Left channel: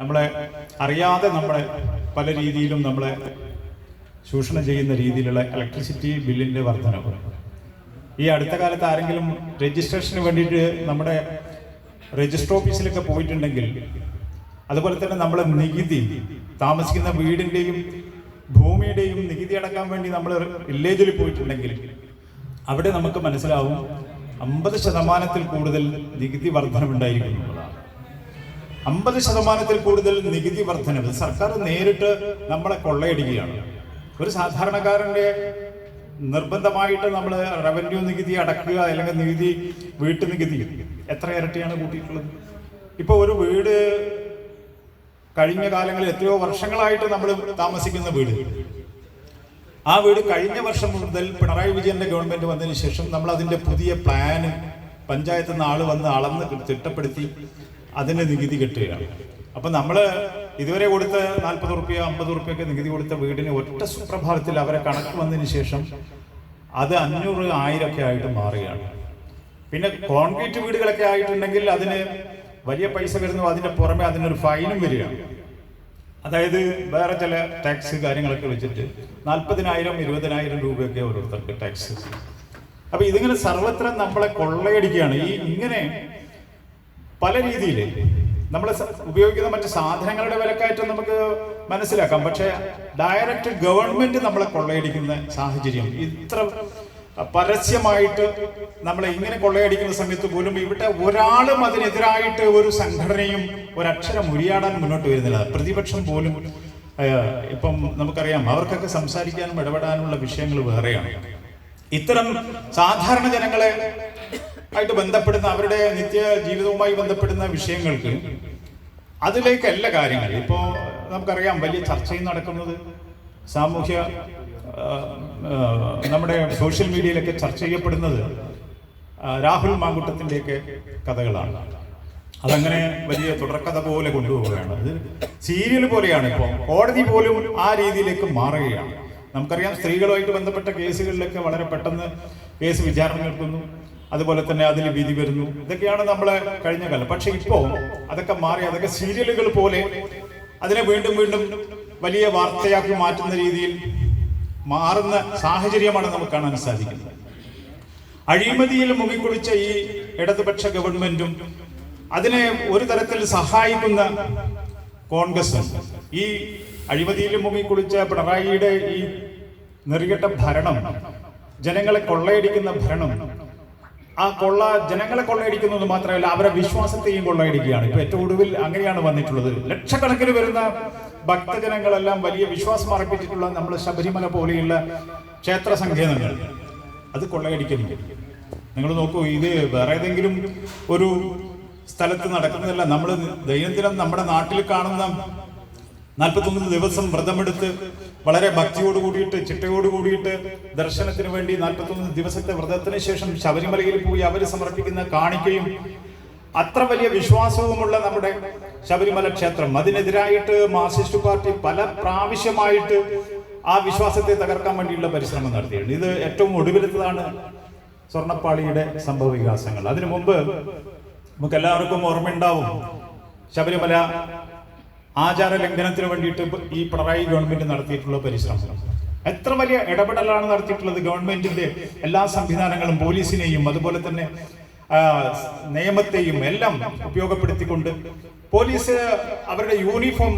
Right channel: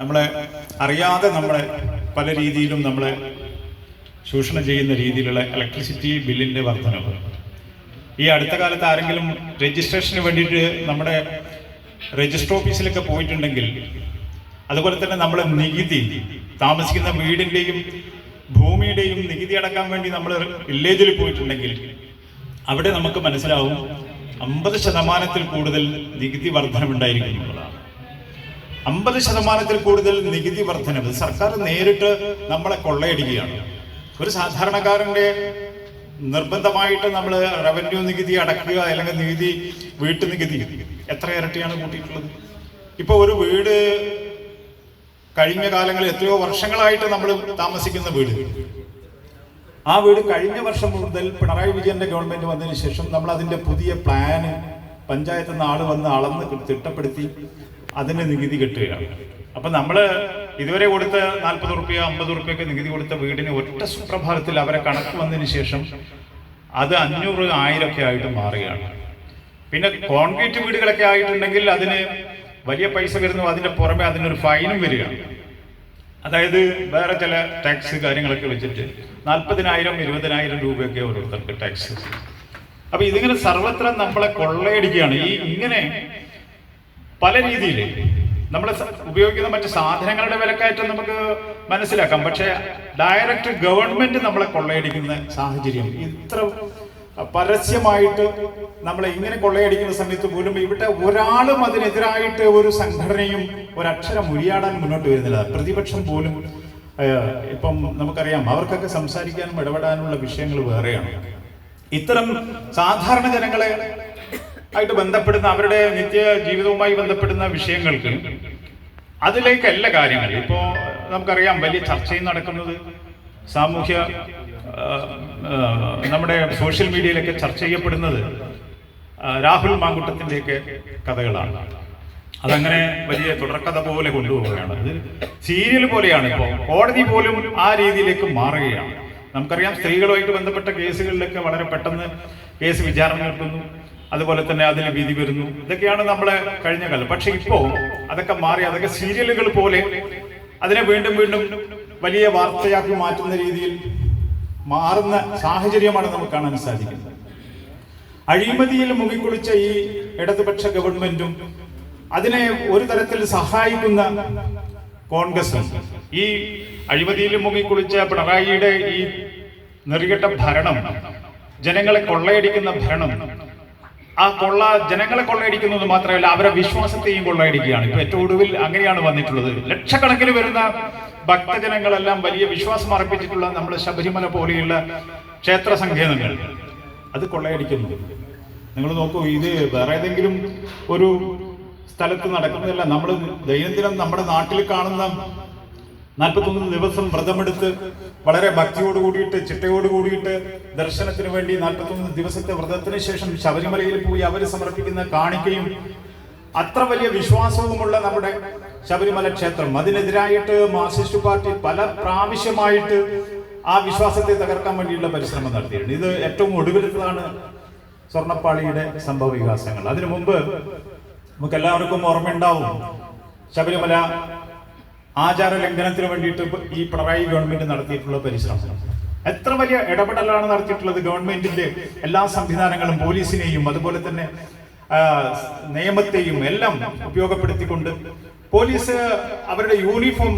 നമ്മളെ അറിയാതെ നമ്മളെ പല രീതിയിലും നമ്മളെ ചൂഷണം ചെയ്യുന്ന രീതിയിലുള്ള ഇലക്ട്രിസിറ്റി ബില്ലിന്റെ വർധനവ്. ഈ അടുത്ത കാലത്ത് ആരെങ്കിലും രജിസ്ട്രേഷന് വേണ്ടിയിട്ട് നമ്മുടെ രജിസ്റ്റർ ഓഫീസിലൊക്കെ പോയിട്ടുണ്ടെങ്കിൽ അതുപോലെ തന്നെ നമ്മളെ നികുതി താമസിക്കുന്ന വീടിന്റെയും ഭൂമിയുടെയും നികുതി അടക്കാൻ വേണ്ടി നമ്മൾ വില്ലേജിൽ പോയിട്ടുണ്ടെങ്കിൽ അവിടെ നമുക്ക് മനസ്സിലാവും അമ്പത് ശതമാനത്തിൽ കൂടുതൽ നികുതി വർധനമുണ്ടായിരിക്കും അമ്പത് ശതമാനത്തിൽ കൂടുതൽ നികുതി വർധനവ് സർക്കാർ നേരിട്ട് നമ്മളെ കൊള്ളയടിക്കുകയാണ് ഒരു സാധാരണക്കാരന്റെ നിർബന്ധമായിട്ട് നമ്മൾ റവന്യൂ നികുതി അടക്കുക അല്ലെങ്കിൽ നികുതി വീട്ടു നികുതി എത്ര ഇരട്ടിയാണ് കൂട്ടിയിട്ടുള്ളത്? ഇപ്പൊ ഒരു വീട് കഴിഞ്ഞ കാലങ്ങളിൽ എത്രയോ വർഷങ്ങളായിട്ട് നമ്മൾ താമസിക്കുന്ന വീട്. ആ വീട് കഴിഞ്ഞ വർഷം മുതൽ പിണറായി വിജയന്റെ ഗവൺമെന്റ് വന്നതിന് ശേഷം നമ്മൾ അതിന്റെ പുതിയ പ്ലാന് പഞ്ചായത്തിൽ നിന്ന് ആൾ വന്ന് അളന്ന് തിട്ടപ്പെടുത്തി. അതിന് നികുതി കെട്ടുകയാണ് അപ്പൊ നമ്മൾ ഇതുവരെ കൊടുത്ത നാൽപ്പത് റുപ്യ അമ്പത് റുപ്യൊക്കെ നികുതി കൊടുത്ത വീടിന് ഒറ്റ സുപ്രഭാതത്തിൽ അവരെ കണക്ക് വന്നതിന് ശേഷം അത് അഞ്ഞൂറ് ആയിരം ഒക്കെ ആയിട്ട് മാറുകയാണ്. പിന്നെ കോൺക്രീറ്റ് വീടുകളൊക്കെ ആയിട്ടുണ്ടെങ്കിൽ അതിന് വലിയ പൈസ വരുന്നു അതിന്റെ പുറമെ അതിനൊരു ഫൈനും വരികയാണ് അതായത് വേറെ ചില ടാക്സ് കാര്യങ്ങളൊക്കെ വെച്ചിട്ട് നാൽപ്പതിനായിരം ഇരുപതിനായിരം രൂപയൊക്കെ ഓരോരുത്തർക്ക് ടാക്സ്. അപ്പൊ ഇതിങ്ങനെ സർവത്ര നമ്മളെ കൊള്ളയടിക്കുകയാണ്. ഈ ഇങ്ങനെ പല രീതിയിൽ നമ്മൾ ഉപയോഗിക്കുന്ന മറ്റ് സാധനങ്ങളുടെ വിലക്കയറ്റം നമുക്ക് മനസ്സിലാക്കാം. പക്ഷേ ഡയറക്റ്റ് ഗവൺമെന്റ് നമ്മളെ കൊള്ളയടിക്കുന്ന സാഹചര്യം ഇത്ര പരസ്യമായിട്ട് നമ്മളെ ഇങ്ങനെ കൊള്ളയടിക്കുന്ന സമയത്ത് പോലും ഇവിടെ ഒരാളും അതിനെതിരായിട്ട് ഒരു സംഘടനയും ഒരക്ഷരം ഉരിയാടാൻ മുന്നോട്ട് വരുന്നില്ല. പ്രതിപക്ഷം പോലും ഇപ്പം നമുക്കറിയാം അവർക്കൊക്കെ സംസാരിക്കാനും ഇടപെടാനുള്ള വിഷയങ്ങൾ വേറെയാണ്. ഇത്തരം സാധാരണ ജനങ്ങളെ ആയിട്ട് ബന്ധപ്പെടുന്ന അവരുടെ നിത്യ ജീവിതവുമായി ബന്ധപ്പെടുന്ന വിഷയങ്ങൾക്ക് അതിലേക്കല്ല കാര്യങ്ങൾ. ഇപ്പോൾ നമുക്കറിയാം വലിയ ചർച്ചയും നടക്കുന്നത്. സാമൂഹ്യ നമ്മുടെ സോഷ്യൽ മീഡിയയിലൊക്കെ ചർച്ച ചെയ്യപ്പെടുന്നത് രാഹുൽ മാങ്കുട്ടത്തിന്റെയൊക്കെ കഥകളാണ്. അതങ്ങനെ വലിയ തുടർക്കഥ പോലെ കൊണ്ടുപോവുകയാണ്. അത് സീരിയൽ പോലെയാണ് ഇപ്പോൾ കോടതി പോലും ആ രീതിയിലേക്ക് മാറുകയാണ്. നമുക്കറിയാം സ്ത്രീകളുമായിട്ട് ബന്ധപ്പെട്ട കേസുകളിലൊക്കെ വളരെ പെട്ടെന്ന് കേസ് വിചാരണ നടത്തുന്നു അതുപോലെ തന്നെ അതിൽ വിധി വരുന്നു. ഇതൊക്കെയാണ് നമ്മളെ കഴിഞ്ഞ കാലം. പക്ഷെ ഇപ്പോ അതൊക്കെ മാറി അതൊക്കെ സീരിയലുകൾ പോലെ അതിനെ വീണ്ടും വീണ്ടും വലിയ വാർത്തയാക്കി മാറ്റുന്ന രീതിയിൽ മാറുന്ന സാഹചര്യമാണ് നമുക്ക് കാണാൻ സാധിക്കുന്നത്. അഴിമതിയിൽ മുങ്ങിക്കുളിച്ച ഈ ഇടതുപക്ഷ ഗവൺമെന്റും അതിനെ ഒരു തരത്തിൽ സഹായിക്കുന്ന കോൺഗ്രസും ഈ അഴിമതിയിൽ മുങ്ങിക്കുളിച്ച പിണറായിയുടെ ഈ നെറികെട്ട ഭരണം ജനങ്ങളെ കൊള്ളയടിക്കുന്ന ഭരണം ആ കൊള്ള ജനങ്ങളെ കൊള്ളയടിക്കുന്നത് മാത്രമല്ല അവരെ വിശ്വാസത്തെയും കൊള്ളയടിക്കുകയാണ്. ഇപ്പൊ ഏറ്റവും ഒടുവിൽ അങ്ങനെയാണ് വന്നിട്ടുള്ളത്. ലക്ഷക്കണക്കിന് വരുന്ന ഭക്തജനങ്ങളെല്ലാം വലിയ വിശ്വാസം അർപ്പിച്ചിട്ടുള്ള നമ്മൾ ശബരിമല പോലെയുള്ള ക്ഷേത്ര സങ്കേതങ്ങൾ. അത് കൊള്ളയടിക്കുന്നു നിങ്ങൾ നോക്കൂ ഇത് വേറെ ഏതെങ്കിലും ഒരു സ്ഥലത്ത് നടക്കുന്നതല്ല. നമ്മൾ ദൈനംദിനം നമ്മുടെ നാട്ടിൽ കാണുന്ന നാൽപ്പത്തൊന്ന് ദിവസം വ്രതമെടുത്ത് വളരെ ഭക്തിയോട് കൂടിയിട്ട് ചിട്ടയോട് കൂടിയിട്ട് ദർശനത്തിന് വേണ്ടി നാൽപ്പത്തൊന്ന് ദിവസത്തെ വ്രതത്തിന് ശേഷം ശബരിമലയിൽ പോയി അവർ സമർപ്പിക്കുന്ന കാണിക്കയും അത്ര വലിയ വിശ്വാസവുമുള്ള നമ്മുടെ ശബരിമല ക്ഷേത്രം. അതിനെതിരായിട്ട് മാർസിസ്റ്റ് പാർട്ടി പല പ്രാവശ്യമായിട്ട് ആ വിശ്വാസത്തെ തകർക്കാൻ വേണ്ടിയുള്ള പരിശ്രമം നടത്തിയിട്ടുണ്ട്. ഇത് ഏറ്റവും ഒടുവിലത്തതാണ് സ്വർണപ്പാളിയുടെ സംഭവ വികാസങ്ങൾ അതിനു മുമ്പ് നമുക്ക് എല്ലാവർക്കും ഓർമ്മയുണ്ടാവും ശബരിമല ആചാര ലംഘനത്തിന് വേണ്ടിയിട്ട് ഈ പിണറായി ഗവൺമെന്റ് നടത്തിയിട്ടുള്ള പരിശ്രമം. എത്ര വലിയ ഇടപെടലാണ് നടത്തിയിട്ടുള്ളത് ഗവൺമെന്റിന്റെ എല്ലാ സംവിധാനങ്ങളും പോലീസിനെയും അതുപോലെ തന്നെ നിയമത്തെയും എല്ലാം ഉപയോഗപ്പെടുത്തിക്കൊണ്ട് പോലീസ് അവരുടെ യൂണിഫോം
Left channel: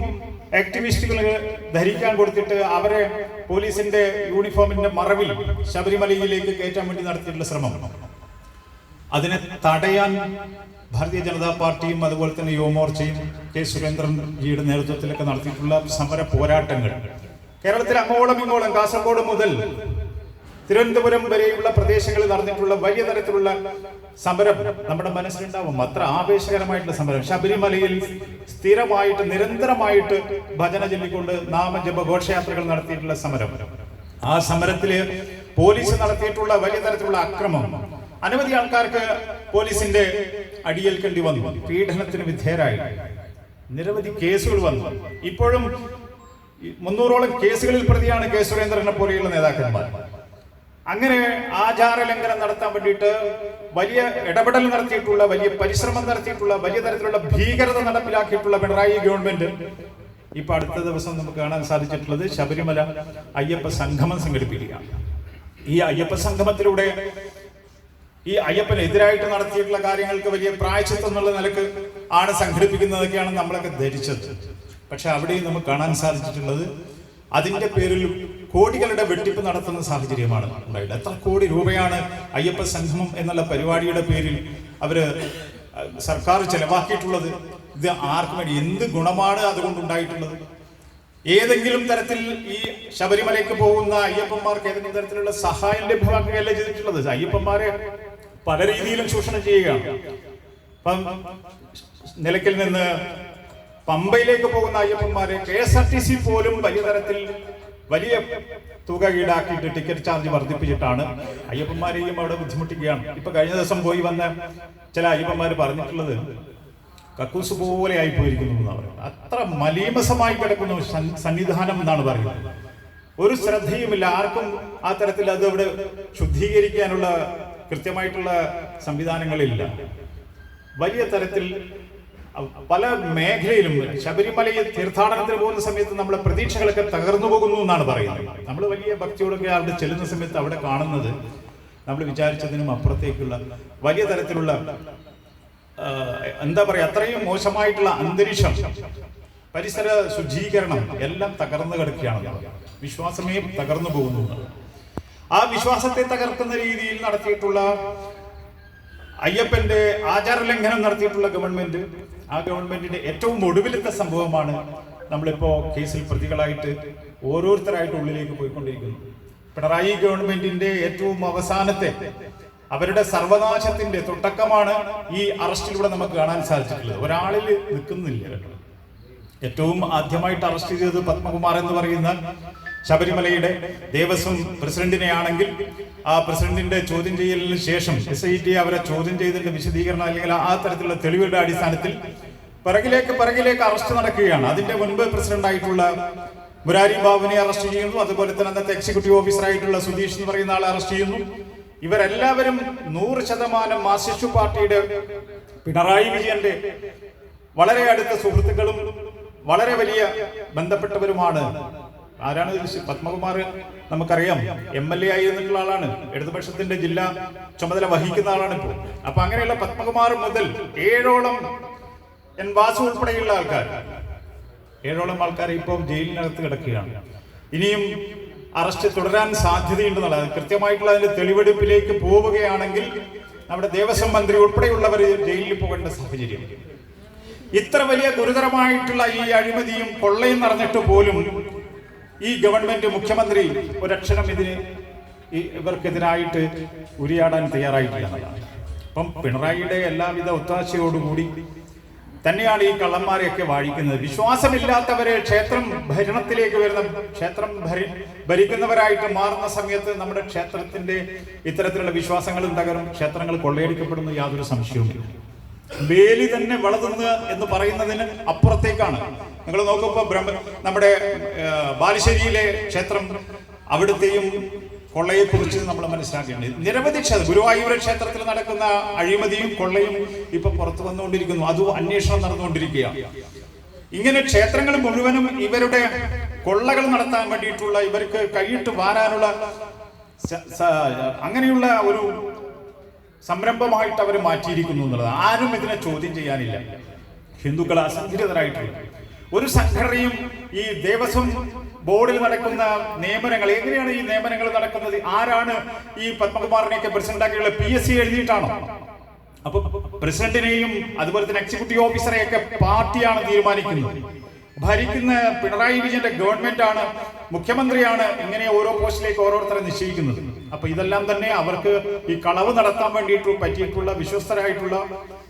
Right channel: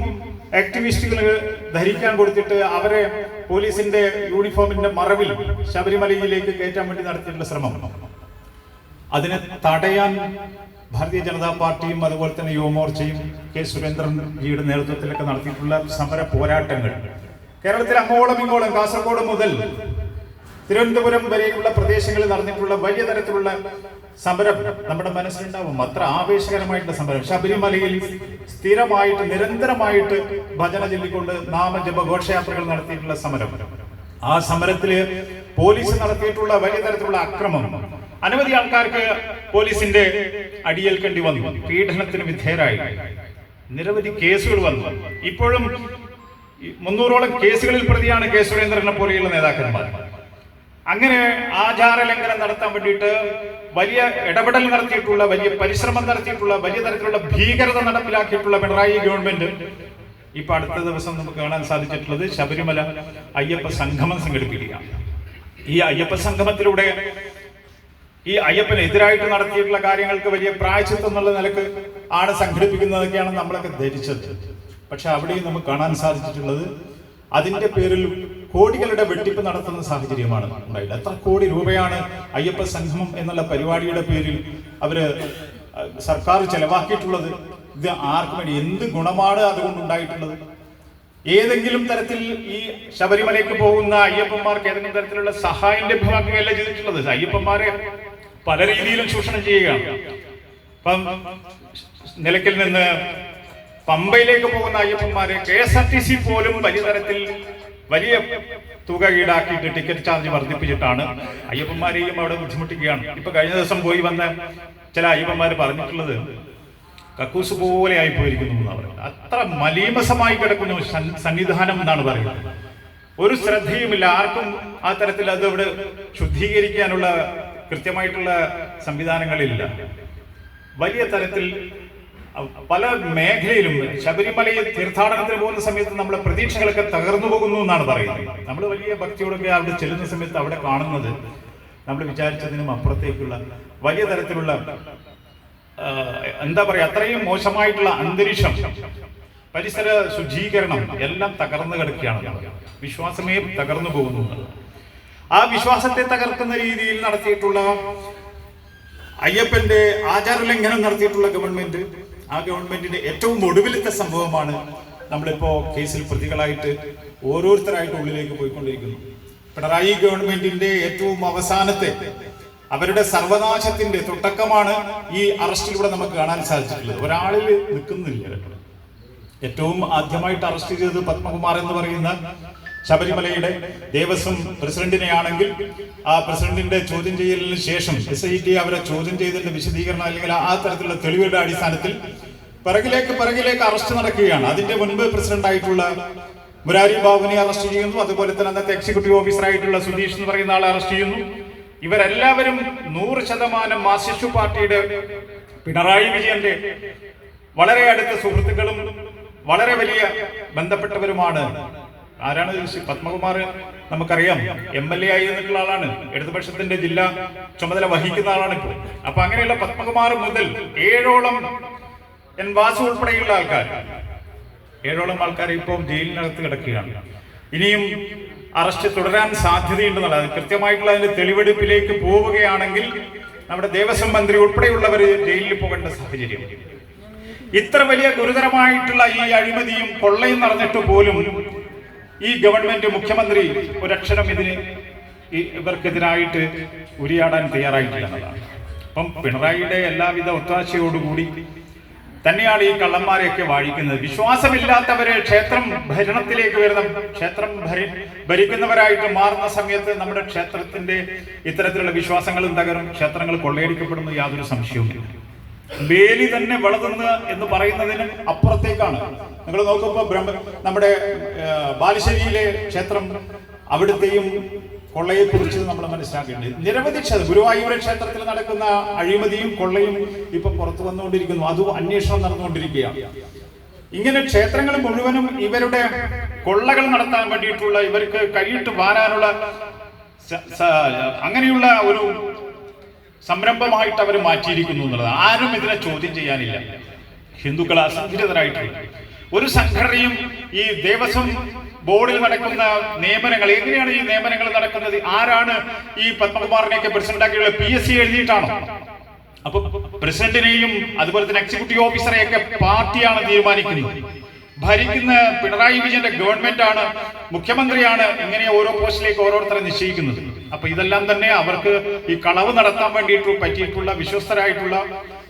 ആക്ടിവിസ്റ്റുകൾ ധരിക്കാൻ കൊടുത്തിട്ട് അവരെ പോലീസിന്റെ യൂണിഫോമിന്റെ മറവിൽ ശബരിമലയിലേക്ക് കയറ്റാൻ വേണ്ടി നടത്തിയിട്ടുള്ള ശ്രമം. അതിനെ തടയാൻ ഭാരതീയ ജനതാ പാർട്ടിയും അതുപോലെ തന്നെ യുവമോർച്ചയും കെ സുരേന്ദ്രൻ ജിയുടെ നേതൃത്വത്തിലൊക്കെ നടത്തിയിട്ടുള്ള സമര പോരാട്ടങ്ങൾ. കേരളത്തിൽ അങ്ങോളം ഇങ്ങോളം കാസർഗോഡ് മുതൽ തിരുവനന്തപുരം വരെയുള്ള പ്രദേശങ്ങളിൽ നടന്നിട്ടുള്ള വലിയ തരത്തിലുള്ള സമരം നമ്മുടെ മനസ്സിലുണ്ടാവും. അത്ര ആവേശകരമായിട്ടുള്ള സമരം. ശബരിമലയിൽ സ്ഥിരമായിട്ട് നിരന്തരമായിട്ട് ഭജന ചൊല്ലിക്കൊണ്ട് നാമജപ ഘോഷയാത്രകൾ നടത്തിയിട്ടുള്ള സമരം. ആ സമരത്തിൽ പോലീസ് നടത്തിയിട്ടുള്ള വലിയ തരത്തിലുള്ള അക്രമം. അനവധി ആൾക്കാർക്ക് പോലീസിന്റെ അടിയേൽക്കേണ്ടി വന്നു. പീഡനത്തിന് വിധേയരായി. നിരവധി കേസുകൾ വന്നു. ഇപ്പോഴും മുന്നൂറോളം കേസുകളിൽ പ്രതിയാണ് കെ സുരേന്ദ്രനെ പോലെയുള്ള നേതാക്കന്മാർ. അങ്ങനെ ആചാര ലംഘനം നടത്താൻ വേണ്ടിയിട്ട് വലിയ ഇടപെടൽ നടത്തിയിട്ടുള്ള വലിയ പരിശ്രമം നടത്തിയിട്ടുള്ള വലിയ തരത്തിലുള്ള ഭീകരത നടപ്പിലാക്കിയിട്ടുള്ള പിണറായി ഗവൺമെന്റ് ഇപ്പൊ അടുത്ത ദിവസം നമുക്ക് കാണാൻ സാധിച്ചിട്ടുള്ളത് ശബരിമല അയ്യപ്പ സംഗമം സംഘടിപ്പിക്കുക. ഈ അയ്യപ്പ സംഗമത്തിലൂടെ ഈ അയ്യപ്പനെതിരായിട്ട് നടത്തിയിട്ടുള്ള കാര്യങ്ങൾക്ക് വലിയ പ്രായച്ചിത്തം എന്നുള്ള നിലയ്ക്ക് ആണ് സംഘടിപ്പിക്കുന്നതൊക്കെയാണ് നമ്മളൊക്കെ ധരിച്ചത്. പക്ഷെ അവിടെയും നമുക്ക് കാണാൻ സാധിച്ചിട്ടുള്ളത് അതിന്റെ പേരിൽ കോടികളുടെ വെട്ടിപ്പ് നടത്തുന്ന സാഹചര്യമാണ് ഉണ്ടായത്. എത്ര കോടി രൂപയാണ് അയ്യപ്പ സംഘം എന്നുള്ള പരിപാടിയുടെ പേരിൽ അവർ സർക്കാർ ചെലവാക്കിയിട്ടുള്ളത്? ഇത് ആർക്കും വേണ്ടി എന്ത് ഗുണമാണ് അതുകൊണ്ട് ഉണ്ടായിട്ടുള്ളത്? ഏതെങ്കിലും തരത്തിൽ ഈ ശബരിമലയ്ക്ക് പോകുന്ന അയ്യപ്പന്മാർക്ക് ഏതെങ്കിലും തരത്തിലുള്ള സഹായം ലഭ്യമാക്കുകയല്ല ചെയ്തിട്ടുള്ളത്? അയ്യപ്പന്മാരെ പല രീതിയിലും ചൂഷണം ചെയ്യുകയാണ് ഇപ്പം നിലയ്ക്കൽ നിന്ന് പമ്പയിലേക്ക് പോകുന്ന അയ്യപ്പന്മാരെ K S R T C പോലും വലിയ തരത്തിൽ വലിയ തുക ഈടാക്കിയിട്ട് ടിക്കറ്റ് ചാർജ് വർദ്ധിപ്പിച്ചിട്ടാണ് അയ്യപ്പന്മാരെയും അവിടെ ബുദ്ധിമുട്ടിക്കുകയാണ്. ഇപ്പൊ കഴിഞ്ഞ ദിവസം പോയി വന്ന ചില അയ്യപ്പന്മാർ പറഞ്ഞിട്ടുള്ളത് കക്കൂസ് പോലെ ആയി പോയിരിക്കുന്നു എന്നാണ് പറയുന്നത്. അത്ര മലീമസമായി കിടക്കുന്നു സന്നിധാനം എന്നാണ് പറയുന്നത്. ഒരു ശ്രദ്ധയുമില്ല. ആർക്കും ആ തരത്തിൽ അത് ഇവിടെ ശുദ്ധീകരിക്കാനുള്ള കൃത്യമായിട്ടുള്ള സംവിധാനങ്ങളില്ല. വലിയ തരത്തിൽ പല മേഖലയിലും ശബരിമലയിൽ തീർത്ഥാടനത്തിന് പോകുന്ന സമയത്ത് നമ്മളെ പ്രതീക്ഷകളൊക്കെ തകർന്നു പോകുന്നു എന്നാണ് പറയുന്നത്. നമ്മൾ വലിയ ഭക്തിയോടൊക്കെ അവിടെ ചെല്ലുന്ന സമയത്ത് അവിടെ കാണുന്നത് നമ്മൾ വിചാരിച്ചതിനും അപ്പുറത്തേക്കുള്ള വലിയ തരത്തിലുള്ള എന്താ പറയാ അത്രയും മോശമായിട്ടുള്ള അന്തരീക്ഷം പരിസര ശുചീകരണം എല്ലാം തകർന്നു കിടക്കുകയാണ്. വിശ്വാസമേ തകർന്നു പോകുന്നു. ആ വിശ്വാസത്തെ തകർക്കുന്ന രീതിയിൽ നടത്തിയിട്ടുള്ള അയ്യപ്പന്റെ ആചാരലംഘനം നടത്തിയിട്ടുള്ള ഗവൺമെന്റ് ആ ഗവൺമെന്റിന്റെ ഏറ്റവും ഒടുവിലത്തെ സംഭവമാണ് നമ്മളിപ്പോ കേസിൽ പ്രതികളായിട്ട് ഓരോരുത്തരായിട്ട് ഉള്ളിലേക്ക് പോയിക്കൊണ്ടിരിക്കുന്നു. പിണറായി ഗവൺമെന്റിന്റെ ഏറ്റവും അവസാനത്തെ അവരുടെ സർവനാശത്തിന്റെ തുടക്കമാണ് ഈ അറസ്റ്റിലൂടെ നമുക്ക് കാണാൻ സാധിച്ചിട്ടുള്ളത്. ഒരാളിൽ നിൽക്കുന്നില്ല ഏറ്റവും ആദ്യമായിട്ട് അറസ്റ്റ് ചെയ്തത് പത്മകുമാർ എന്ന് പറയുന്ന ശബരിമലയുടെ ദേവസ്വം പ്രസിഡന്റിനെയാണെങ്കിൽ ആ പ്രസിഡന്റിന്റെ ചോദ്യം ചെയ്യലിന് ശേഷം എസ് ഐ ടി അവരെ ചോദ്യം ചെയ്തതിന്റെ വിശദീകരണം അല്ലെങ്കിൽ ആ തരത്തിലുള്ള തെളിവുകളുടെ അടിസ്ഥാനത്തിൽ പിറകിലേക്ക് പിറകിലേക്ക് അറസ്റ്റ് നടക്കുകയാണ്. അതിന്റെ മുൻപ് പ്രസിഡന്റ് ആയിട്ടുള്ള മുരാരി ബാബുവിനെ അറസ്റ്റ് ചെയ്യുന്നു. അതുപോലെ തന്നെ അന്നത്തെ എക്സിക്യൂട്ടീവ് ഓഫീസറായിട്ടുള്ള സുധീഷ് എന്ന് പറയുന്ന ആളെ അറസ്റ്റ് ചെയ്യുന്നു. ഇവരെല്ലാവരും നൂറ് ശതമാനം മാർസിസ്റ്റ് പാർട്ടിയുടെ പിണറായി വിജയന്റെ വളരെ അടുത്ത സുഹൃത്തുക്കളും വളരെ വലിയ ബന്ധപ്പെട്ടവരുമാണ്. ആരാണ്? പത്മകുമാർ നമുക്കറിയാം എം എൽ എ ആയിരുന്നിട്ടുള്ള ആളാണ്. ഇടതുപക്ഷത്തിന്റെ ജില്ലാ ചുമതല വഹിക്കുന്ന ആളാണ് ഇപ്പോൾ. അപ്പൊ അങ്ങനെയുള്ള പത്മകുമാർ മുതൽ ഏഴോളം എൻ വാസു ഉൾപ്പെടെയുള്ള ആൾക്കാർ. ഏഴോളം ആൾക്കാർ ഇപ്പോൾ ജയിലിനകത്ത് കിടക്കുകയാണ്. ഇനിയും അറസ്റ്റ് തുടരാൻ സാധ്യതയുണ്ടെന്നുള്ളത് കൃത്യമായിട്ടുള്ള അതിന്റെ തെളിവെടുപ്പിലേക്ക് പോവുകയാണെങ്കിൽ നമ്മുടെ ദേവസ്വം മന്ത്രി ഉൾപ്പെടെയുള്ളവർ ജയിലിൽ പോകേണ്ട സാഹചര്യം. ഇത്ര വലിയ ഗുരുതരമായിട്ടുള്ള ഈ അഴിമതിയും കൊള്ളയും നടന്നിട്ട് പോലും ഈ ഗവൺമെന്റ് മുഖ്യമന്ത്രി ഒരക്ഷരം ഇതിന് ഇവർക്കെതിരായിട്ട് ഉരിയാടാൻ തയ്യാറായിട്ടില്ല അപ്പം പിണറായിയുടെ എല്ലാവിധ ഒത്താശയോടുകൂടി തന്നെയാണ് ഈ കള്ളന്മാരെയൊക്കെ വാഴിക്കുന്നത്. വിശ്വാസമില്ലാത്തവരെ ക്ഷേത്രം ഭരണത്തിലേക്ക് വരുന്ന ക്ഷേത്രം ഭരി ഭരിക്കുന്നവരായിട്ട് മാറുന്ന സമയത്ത് നമ്മുടെ ക്ഷേത്രത്തിന്റെ ഇത്തരത്തിലുള്ള വിശ്വാസങ്ങളും തകരും ക്ഷേത്രങ്ങൾ കൊള്ളയടിക്കപ്പെടുന്നു യാതൊരു സംശയവുമില്ല. വേലി തന്നെ വളതുന്ന എന്ന് പറയുന്നതിന് അപ്പുറത്തേക്കാണ് നിങ്ങൾ നോക്കുമ്പോൾ ബ്രഹ്മ നമ്മുടെ ബാലുശ്ശേരിയിലെ ക്ഷേത്രം അവിടുത്തെയും കൊള്ളയെ കുറിച്ച് നമ്മൾ മനസ്സിലാക്കേണ്ടത്. നിരവധി ക്ഷേത്രം ഗുരുവായൂർ ക്ഷേത്രത്തിൽ നടക്കുന്ന അഴിമതിയും കൊള്ളയും ഇപ്പൊ പുറത്തു വന്നുകൊണ്ടിരിക്കുന്നു. അതും അന്വേഷണം നടന്നുകൊണ്ടിരിക്കുകയാണ് ഇങ്ങനെ ക്ഷേത്രങ്ങൾ മുഴുവനും ഇവരുടെ കൊള്ളകൾ നടത്താൻ വേണ്ടിയിട്ടുള്ള ഇവർക്ക് കൈയിട്ട് വാരാനുള്ള അങ്ങനെയുള്ള ഒരു സംരംഭമായിട്ട് അവർ മാറ്റിയിരിക്കുന്നു എന്നുള്ളത് ആരും ഇതിനെ ചോദ്യം ചെയ്യാനില്ല. ഹിന്ദുക്കൾ അസംഘടിതരായിട്ടുണ്ട്. ഒരു സംഘടനയും ഈ ദേവസ്വം ബോർഡിൽ നടക്കുന്ന നിയമനങ്ങൾ എങ്ങനെയാണ് ഈ നിയമനങ്ങൾ നടക്കുന്നത്? ആരാണ് ഈ പത്മകുമാറിനെയൊക്കെ പ്രസിഡന്റാക്കിയുള്ള പി എസ് സി എഴുതിയിട്ടാണോ? അപ്പൊ പ്രസിഡന്റിനെയും അതുപോലെ തന്നെ എക്സിക്യൂട്ടീവ് ഓഫീസറെയൊക്കെ പാർട്ടിയാണ് തീരുമാനിക്കുന്നത്. ഭരിക്കുന്ന പിണറായി വിജയന്റെ ഗവൺമെന്റ് ആണ് മുഖ്യമന്ത്രിയാണ് ഇങ്ങനെ ഓരോ പോസ്റ്റിലേക്ക് ഓരോരുത്തരെ നിശ്ചയിക്കുന്നത്. അപ്പൊ ഇതെല്ലാം തന്നെ അവർക്ക് ഈ കളവ് നടത്താൻ വേണ്ടിയിട്ട് പറ്റിയിട്ടുള്ള വിശ്വസ്തരായിട്ടുള്ള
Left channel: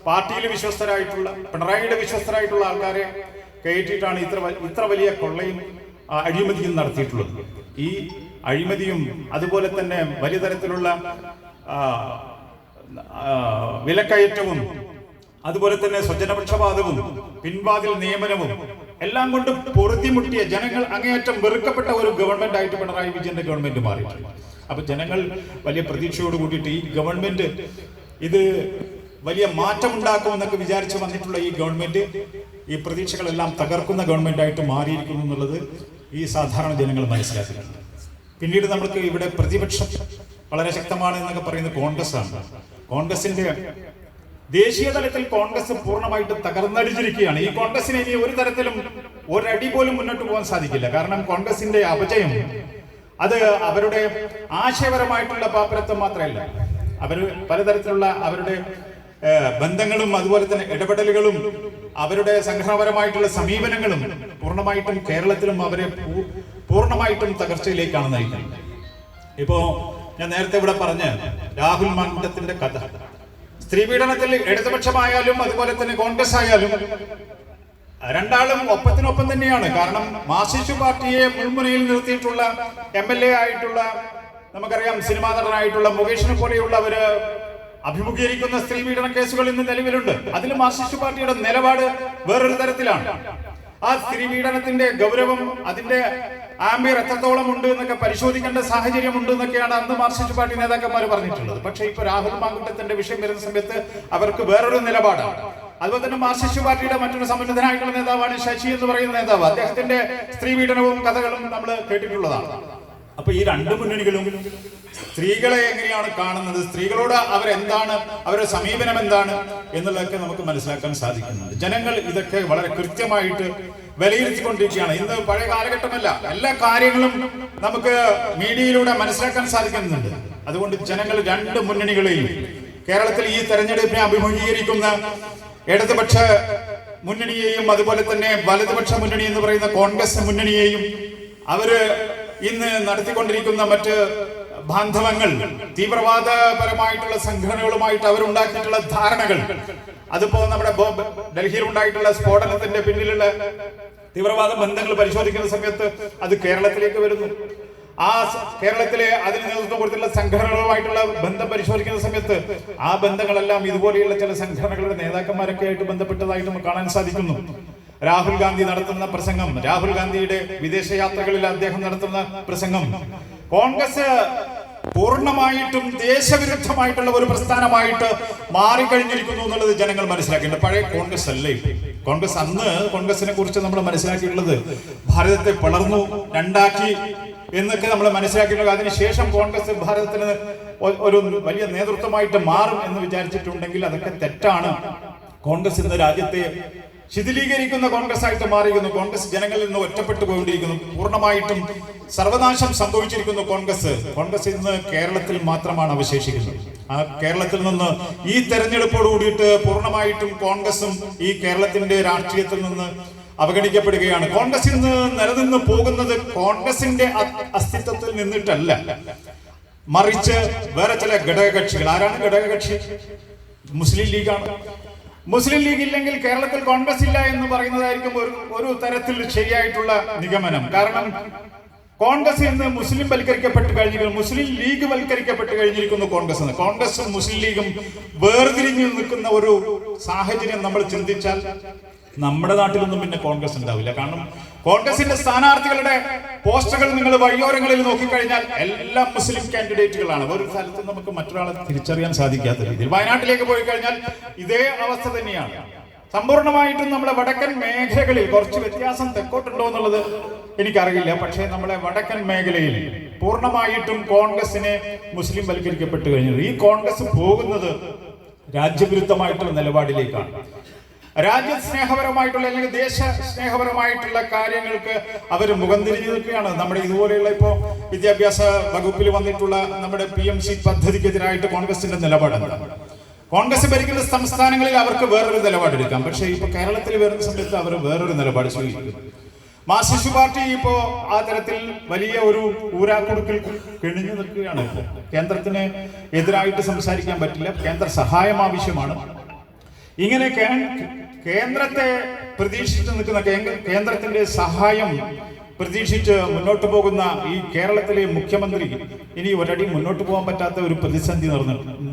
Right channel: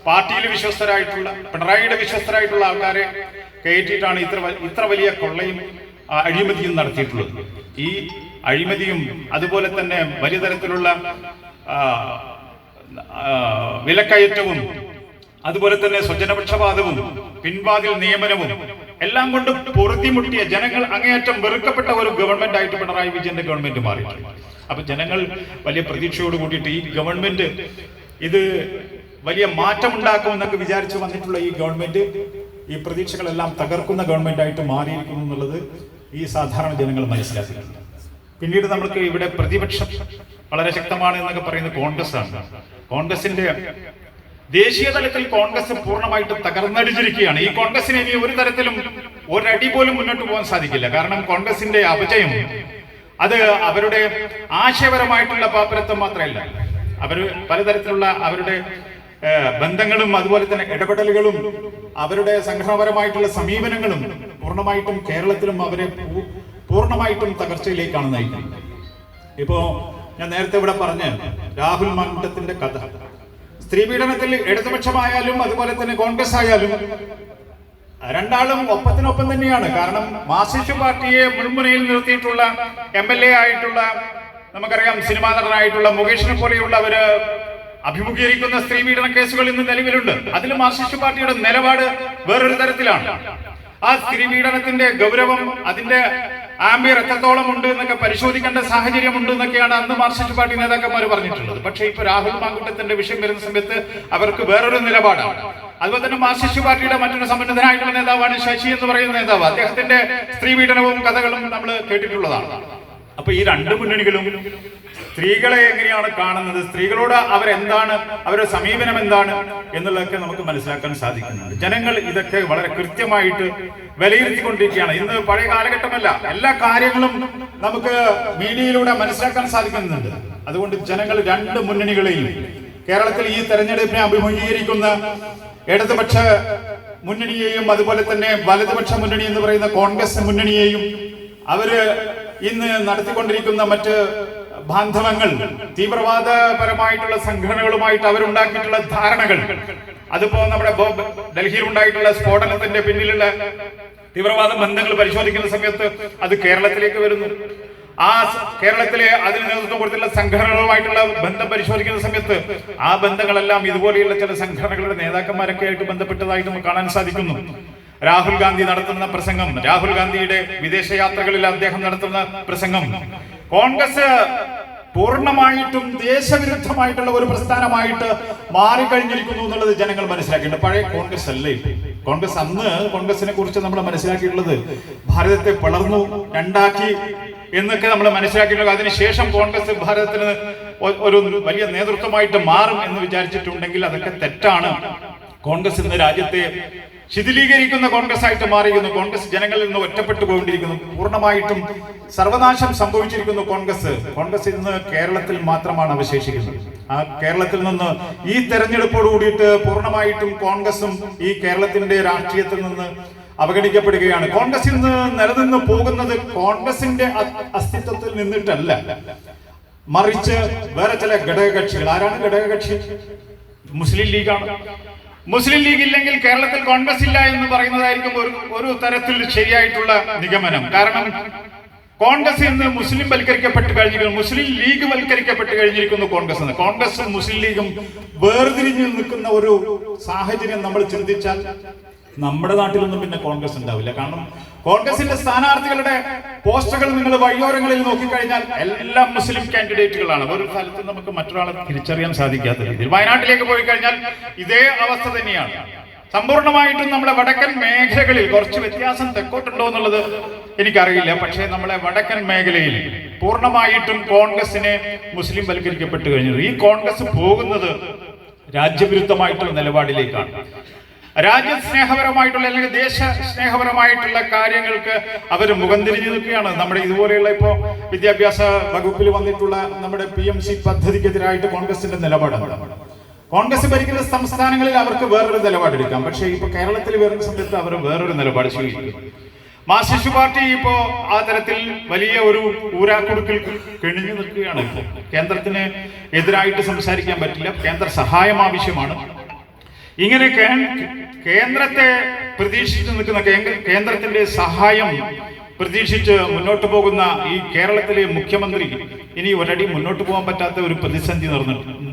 പാർട്ടിയിൽ വിശ്വസ്തരായിട്ടുള്ള പിണറായിയുടെ വിശ്വസ്തരായിട്ടുള്ള ആൾക്കാരെ കയറ്റിയിട്ടാണ് ഇത്ര ഇത്ര വലിയ കൊള്ളയും അഴിമതിയും നടത്തിയിട്ടുള്ളത്. ഈ അഴിമതിയും അതുപോലെ തന്നെ വലിയ തരത്തിലുള്ള വിലക്കയറ്റവും അതുപോലെ തന്നെ സ്വജനപക്ഷപാതവും പിൻവാതിൽ നിയമനവും എല്ലാം കൊണ്ടും പൊറുതിമുട്ടിയ ജനങ്ങൾ അങ്ങേയറ്റം വെറുക്കപ്പെട്ട ഒരു ഗവൺമെന്റ് ആയിട്ട് പിണറായി വിജയന്റെ ഗവൺമെന്റ് മാറിയിട്ടുണ്ട് അപ്പൊ ജനങ്ങൾ വലിയ പ്രതീക്ഷയോട് കൂടിയിട്ട് ഈ ഗവൺമെന്റ് ഇത് വലിയ മാറ്റം ഉണ്ടാക്കുമെന്നൊക്കെ വിചാരിച്ചു വന്നിട്ടുള്ള ഈ ഗവൺമെന്റ് ഈ പ്രതീക്ഷകളെല്ലാം തകർക്കുന്ന ഗവൺമെന്റ് ആയിട്ട് മാറിയിരിക്കുന്നു എന്നുള്ളത് ഈ സാധാരണ ജനങ്ങൾ മനസ്സിലാക്കുന്നുണ്ട്. പിന്നീട് നമ്മൾക്ക് ഇവിടെ പ്രതിപക്ഷം വളരെ ശക്തമാണ് എന്നൊക്കെ പറയുന്നത് കോൺഗ്രസ് ആണ് കോൺഗ്രസിന്റെ ദേശീയ തലത്തിൽ കോൺഗ്രസ് പൂർണമായിട്ട് തകർന്നടിച്ചിരിക്കുകയാണ് ഈ കോൺഗ്രസിന് ഇനി ഒരു തരത്തിലും ഒരടി പോലും മുന്നോട്ട് പോകാൻ സാധിക്കില്ല. കാരണം കോൺഗ്രസിന്റെ അപജയം അത് അവരുടെ ആശയപരമായിട്ടുള്ള പാപ്പരത്വം മാത്രമല്ല. അവർ പലതരത്തിലുള്ള അവരുടെ ബന്ധങ്ങളും അതുപോലെ തന്നെ ഇടപെടലുകളും അവരുടെ സംഘടനാപരമായിട്ടുള്ള സമീപനങ്ങളും പൂർണമായിട്ടും കേരളത്തിലും അവരെ പൂർണമായിട്ടും തകർച്ചയിലേക്കാണ് നയിക്കുന്നത്. ഇപ്പോ ഞാൻ നേരത്തെ ഇവിടെ പറഞ്ഞ രാഹുൽ മണ്ഡത്തിന്റെ കഥ. സ്ത്രീ പീഡനത്തിൽ ഇടതുപക്ഷമായാലും അതുപോലെ തന്നെ കോൺഗ്രസ് ആയാലും രണ്ടാളും ഒപ്പത്തിനൊപ്പം തന്നെയാണ്. കാരണം മാർസിസ്റ്റ് പാർട്ടിയെ മുൾമുനയിൽ നിർത്തിയിട്ടുള്ള എം എൽ എ ആയിട്ടുള്ള നമുക്കറിയാം സിനിമാ നടനായിട്ടുള്ള മുകേഷിനെ പോലെയുള്ളവര് അഭിമുഖീകരിക്കുന്ന സ്ത്രീ പീഡന കേസുകൾ ഇന്ന് നിലവിലുണ്ട്. അതിൽ മാർക്സിസ്റ്റ് പാർട്ടിയുടെ നിലപാട് വേറൊരു തരത്തിലാണ്. ആ സ്ത്രീ പീഡനത്തിന്റെ ഗൗരവം അതിന്റെ ആംബിയർ എത്രത്തോളം ഉണ്ട് എന്നൊക്കെ പരിശോധിക്കേണ്ട സാഹചര്യം ഉണ്ട് എന്നൊക്കെയാണ് അന്ന് മാർക്സിസ്റ്റ് പാർട്ടി നേതാക്കന്മാർ പറഞ്ഞിട്ടുള്ളത്. പക്ഷേ ഇപ്പൊ രാഹുൽ മാങ്കുട്ടത്തിന്റെ വിഷയം വരുന്ന സമയത്ത് അവർക്ക് വേറൊരു നിലപാടാണ്. അതുപോലെ തന്നെ മാർക്സിസ്റ്റ് പാർട്ടിയുടെ മറ്റൊരു സമ്മന്നതനായിട്ടുള്ള നേതാവാണ് ശശി എന്ന് പറയുന്ന നേതാവ്. അദ്ദേഹത്തിന്റെ സ്ത്രീ പീഡനവും കഥകളും നമ്മൾ കേട്ടിട്ടുള്ളതാണ്. അപ്പൊ ഈ രണ്ട് മുന്നണികളും സ്ത്രീകളെ എങ്ങനെയാണ് കാണുന്നത്? സ്ത്രീകളോട് അവരെന്താണ്? അവരുടെ സമീപനം എന്താണ്? എന്നുള്ളതൊക്കെ നമുക്ക് മനസ്സിലാക്കാൻ സാധിക്കുന്നുണ്ട്. ജനങ്ങൾ ഇതൊക്കെ വളരെ കൃത്യമായിട്ട് വിലയിരുത്തിക്കൊണ്ടിരിക്കുകയാണ്. ഇന്ന് പഴയ കാലഘട്ടമല്ല. എല്ലാ കാര്യങ്ങളും നമുക്ക് മീഡിയയിലൂടെ മനസ്സിലാക്കാൻ സാധിക്കുന്നുണ്ട്. അതുകൊണ്ട് ജനങ്ങൾ രണ്ട് മുന്നണികളെയും കേരളത്തിൽ ഈ തെരഞ്ഞെടുപ്പിനെ അഭിമുഖീകരിക്കുന്ന ഇടതുപക്ഷ മുന്നണിയെയും അതുപോലെ തന്നെ വലതുപക്ഷ മുന്നണി എന്ന് പറയുന്ന കോൺഗ്രസ് മുന്നണിയെയും അവർ ഇന്ന് നടത്തിക്കൊണ്ടിരിക്കുന്ന മറ്റ് ബാന്ധവങ്ങൾ തീവ്രവാദപരമായിട്ടുള്ള സംഘടനകളുമായിട്ട് അവരുണ്ടാക്കിയിട്ടുള്ള ധാരണകൾ. അതിപ്പോ നമ്മുടെ ഡൽഹിയിൽ ഉണ്ടായിട്ടുള്ള സ്ഫോടനത്തിന്റെ പിന്നിലുള്ള തീവ്രവാദ ബന്ധങ്ങൾ പരിശോധിക്കുന്ന സമയത്ത് അത് കേരളത്തിലേക്ക് വരുന്നു. ആ കേരളത്തിലെ അതിന് നേതൃത്വം കൊടുത്തുള്ള സംഘടനകളുമായിട്ടുള്ള ബന്ധം പരിശോധിക്കുന്ന സമയത്ത് ആ ബന്ധങ്ങളെല്ലാം ഇതുപോലെയുള്ള ചില സംഘടനകളുടെ നേതാക്കന്മാരൊക്കെ ആയിട്ട് ബന്ധപ്പെട്ടതായിട്ട് നമുക്ക് കാണാൻ സാധിക്കുന്നു. രാഹുൽ ഗാന്ധി നടത്തുന്ന പ്രസംഗം രാഹുൽ ഗാന്ധിയുടെ വിദേശയാത്രകളിൽ അദ്ദേഹം നടത്തുന്ന പ്രസംഗം കോൺഗ്രസ് പൂർണമായിട്ടും ദേശവിരുദ്ധമായിട്ടുള്ള ഒരു പ്രസ്ഥാനമായിട്ട് മാറിക്കഴിഞ്ഞിരിക്കുന്നു എന്നുള്ളത് ജനങ്ങൾ മനസ്സിലാക്കിയിട്ടുണ്ട്. പഴയ കോൺഗ്രസ് അല്ലേ കോൺഗ്രസ് അന്ന് കോൺഗ്രസിനെ കുറിച്ച് നമ്മൾ മനസ്സിലാക്കിയിട്ടുള്ളത് ഭാരതത്തെ പിളർന്നു രണ്ടാക്കി എന്നൊക്കെ നമ്മൾ മനസ്സിലാക്കിയിട്ടുള്ളത്. അതിനുശേഷം കോൺഗ്രസ് ഭാരതത്തിന് ഒരു വലിയ നേതൃത്വമായിട്ട് മാറും എന്ന് വിചാരിച്ചിട്ടുണ്ടെങ്കിൽ അതൊക്കെ തെറ്റാണ്. കോൺഗ്രസ് ഇന്ന് രാജ്യത്തെ ശിഥിലീകരിക്കുന്ന കോൺഗ്രസ് ആയിട്ട് മാറിയിരിക്കുന്നു. കോൺഗ്രസ് ജനങ്ങളിൽ നിന്ന് ഒറ്റപ്പെട്ടു പോയിക്കൊണ്ടിരിക്കുന്നു. പൂർണമായിട്ടും സർവനാശം സംഭവിച്ചിരിക്കുന്നു കോൺഗ്രസ്. കോൺഗ്രസ് ഇന്ന് കേരളത്തിൽ മാത്രമാണ് അവശേഷിക്കുന്നത്. ആ കേരളത്തിൽ നിന്ന് ഈ തെരഞ്ഞെടുപ്പോട് കൂടിയിട്ട് പൂർണമായിട്ടും കോൺഗ്രസും ഈ കേരളത്തിന്റെ രാഷ്ട്രീയത്തിൽ നിന്ന് അവഗണിക്കപ്പെടുകയാണ്. കോൺഗ്രസ് ഇന്ന് നിലനിന്ന് പോകുന്നത് കോൺഗ്രസിന്റെ അസ്തിത്വത്തിൽ നിന്നിട്ടല്ല. മറിച്ച് വേറെ ചില ഘടകകക്ഷികൾ. ആരാണ് ഘടകകക്ഷി? മുസ്ലിം ലീഗാണ്. മുസ്ലിം ലീഗ് ഇല്ലെങ്കിൽ കേരളത്തിൽ കോൺഗ്രസ് ഇല്ല എന്ന് പറയുന്നതായിരിക്കും ഒരു ഒരു തരത്തിൽ ശരിയായിട്ടുള്ള നിഗമനം. കാരണം കോൺഗ്രസ് ഇന്ന് മുസ്ലിം വൽക്കരിക്കപ്പെട്ട് കഴിഞ്ഞിരിക്കുന്നു. മുസ്ലിം ലീഗ് വൽക്കരിക്കപ്പെട്ട് കഴിഞ്ഞിരിക്കുന്നു കോൺഗ്രസ് എന്ന്. കോൺഗ്രസും മുസ്ലിം ലീഗും വേർതിരിഞ്ഞു നിൽക്കുന്ന ഒരു സാഹചര്യം നമ്മൾ ചിന്തിച്ചാൽ നമ്മുടെ നാട്ടിലൊന്നും പിന്നെ കോൺഗ്രസ് ഉണ്ടാവില്ല. കാരണം കോൺഗ്രസിന്റെ സ്ഥാനാർത്ഥികളുടെ പോസ്റ്ററുകൾ നിങ്ങൾ വഴിയോരങ്ങളിൽ നോക്കിക്കഴിഞ്ഞാൽ എല്ലാം മുസ്ലിം കാൻഡിഡേറ്റുകളാണ്. ഒരു സ്ഥലത്തും നമുക്ക് മറ്റൊരാളെ തിരിച്ചറിയാൻ സാധിക്കാത്ത രീതിയിൽ. വയനാട്ടിലേക്ക് പോയി കഴിഞ്ഞാൽ ഇതേ അവസ്ഥ തന്നെയാണ്. സമ്പൂർണമായിട്ടും നമ്മുടെ വടക്കൻ മേഖലകളിൽ കുറച്ച് വ്യത്യാസം തെക്കോട്ടുണ്ടോ എന്നുള്ളത് എനിക്കറിയില്ല. പക്ഷേ നമ്മളെ വടക്കൻ മേഖലയിൽ പൂർണമായിട്ടും കോൺഗ്രസിനെ മുസ്ലിം വൽക്കരിക്കപ്പെട്ട് കഴിഞ്ഞു. ഈ കോൺഗ്രസ് പോകുന്നത് രാജ്യവിരുദ്ധമായിട്ടുള്ള നിലപാടിലേക്കാണ്. രാജ്യസ്നേഹപരമായിട്ടുള്ള അല്ലെങ്കിൽ ദേശ സ്നേഹപരമായിട്ടുള്ള കാര്യങ്ങൾക്ക് അവർ മുഖം തിരിഞ്ഞു നിൽക്കുകയാണ്. നമ്മുടെ ഇതുപോലെയുള്ള ഇപ്പോൾ വിദ്യാഭ്യാസ വകുപ്പിൽ വന്നിട്ടുള്ള നമ്മുടെ പി എം സി പദ്ധതിക്കെതിരായിട്ട് കോൺഗ്രസിന്റെ നിലപാട്? കോൺഗ്രസ് ഭരിക്കുന്ന സംസ്ഥാനങ്ങളിൽ അവർക്ക് വേറൊരു നിലപാടെടുക്കാം പക്ഷേ ഇപ്പൊ കേരളത്തിൽ വരുന്ന സമയത്ത് അവർ വേറൊരു നിലപാട് സ്വീകരിക്കും. മാർസിസ്റ്റ് പാർട്ടി ഇപ്പോ ആ തരത്തിൽ വലിയ ഒരു ഊരാക്കുടുക്കിൽ കെണിഞ്ഞു നിൽക്കുകയാണ്. ഇപ്പോൾ കേന്ദ്രത്തിന് എതിരായിട്ട് സംസാരിക്കാൻ പറ്റില്ല. കേന്ദ്ര സഹായം ആവശ്യമാണ്. ഇങ്ങനെ കേന്ദ്രത്തെ പ്രതീക്ഷിച്ച് നിൽക്കുന്ന കേന്ദ്രത്തിന്റെ സഹായം പ്രതീക്ഷിച്ച് മുന്നോട്ട് പോകുന്ന ഈ കേരളത്തിലെ മുഖ്യമന്ത്രി ഇനി ഒരടി മുന്നോട്ട് പോകാൻ പറ്റാത്ത ഒരു പ്രതിസന്ധി നടന്നിട്ട്